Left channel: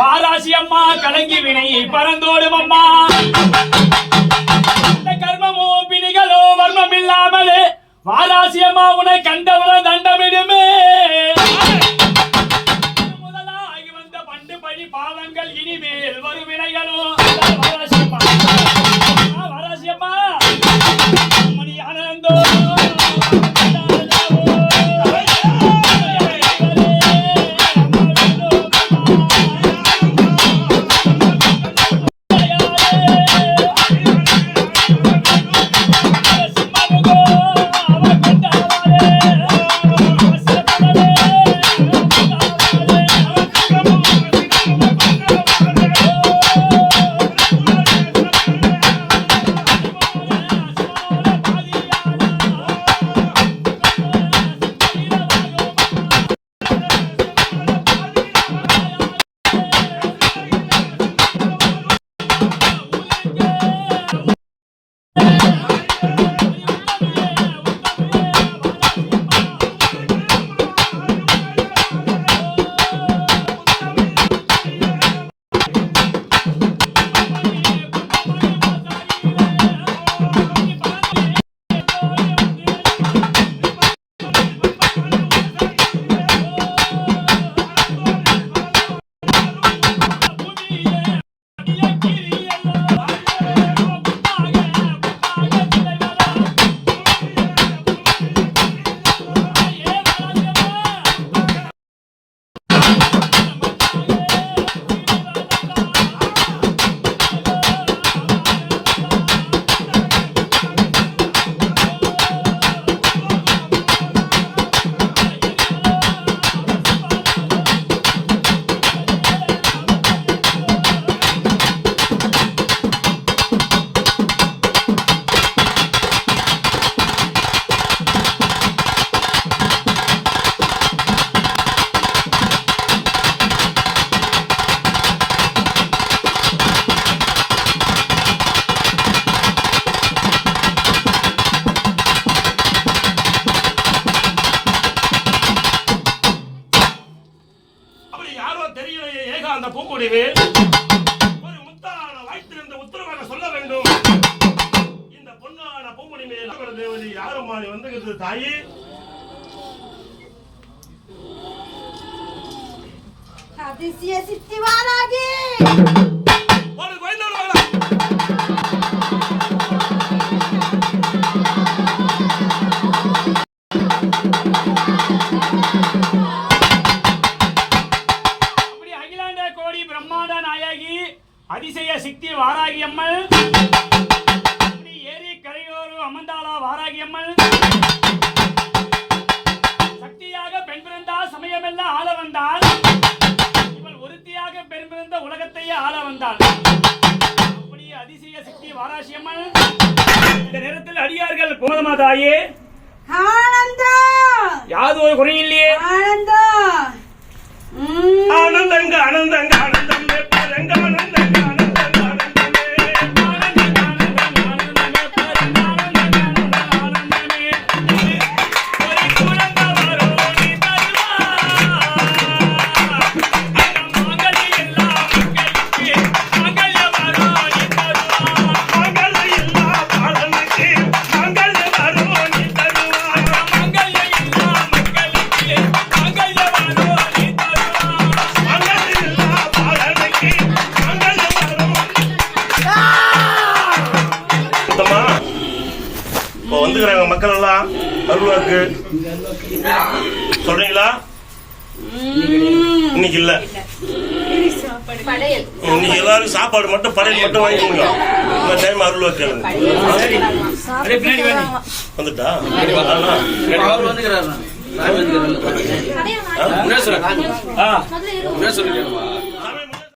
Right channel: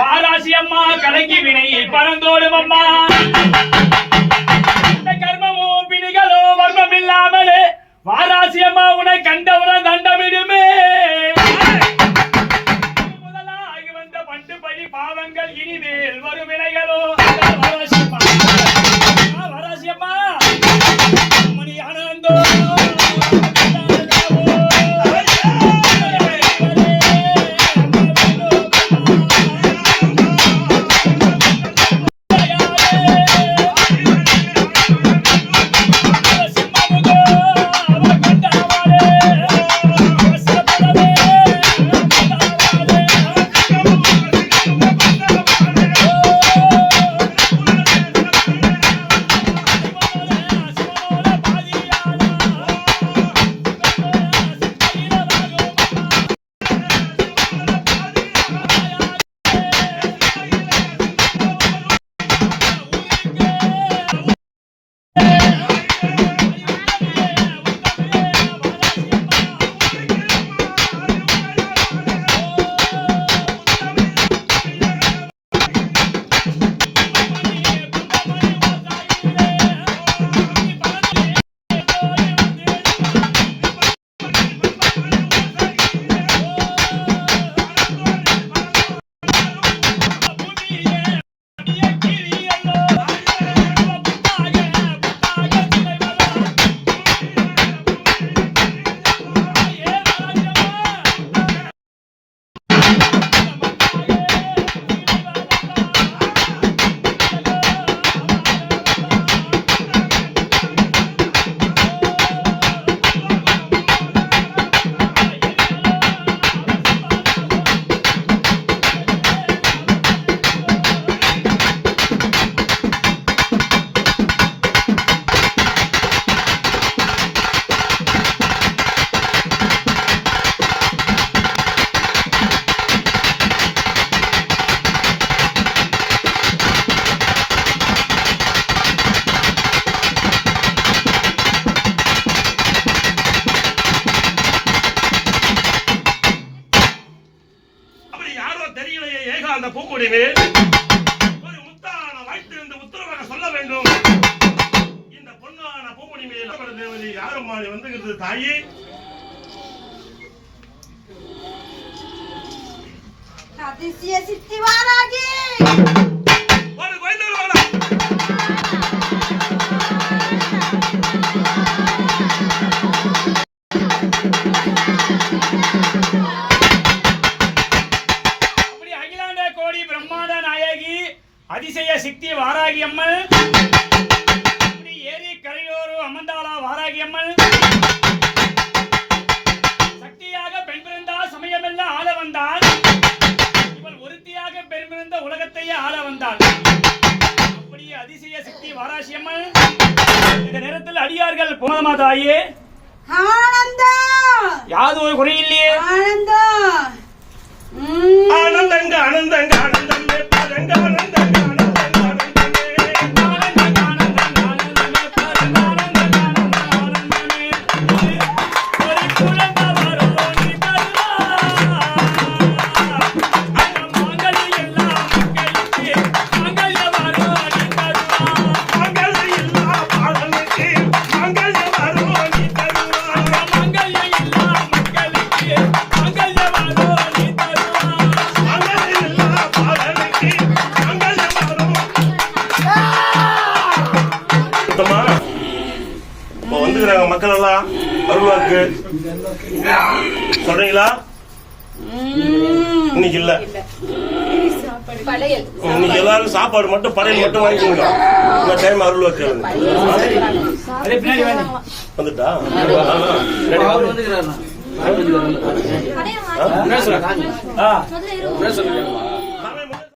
வாராசி அம்மா கலங்கி வினை பறந்தோடும் அம்மா. இந்த கர்மமோ பிணிகளோ வர்மம் இல்லாமலே வாராசி அம்மா உன்னை கண்டவுடன் தண்டமிடுமே. முதலாகி வந்த பண்டு பழி பாவங்கள் இனிமேல் வரும் வினைகளோ. வாராசி அம்மா மணி ஆனந்தோ ஒரு முத்தான வைத்திருந்த உத்தரவாக சொல்ல வேண்டும். இந்த பொன்னான பூமுடி மேல் தேவதி யாரும் வந்துகிறது தாயி. அதிசய சித்தி வாராகி ஒரு கோயிலோட அதிசய சக்தி வாராகி அம்மன் ஏரி கரையோரு அமர்ந்தாளா வாராகி அம்மன். சக்தியாக பெண் பிறந்தா சமயமெல்லாம் ஆள வந்தாள். இவள் ஒருத்தியாக பெண் பிறந்த உலகத்தையே ஆள வந்தாள். அப்படியே அதிசய சக்தி வாராகி அம்மன். இந்த நேரத்தில் அடியார்கள் போனமா தாயே யாது ஒரு குறையில்லையே. ஆனந்தங்க ஆனந்தங்க ஆனந்தங்க வந்துக்கிறாங்க மக்கள் எல்லாம் அருள்வாக்கு சொல்றீங்களா? இன்னைக்கு இல்ல, இன்னைக்கு எல்லாரும் சாப்பாடு மட்டும் படையல் மட்டும் வாங்கிக்கோங்க. இந்த டைம் அருள்வாக்கு வந்துட்டா சொல்லுங்க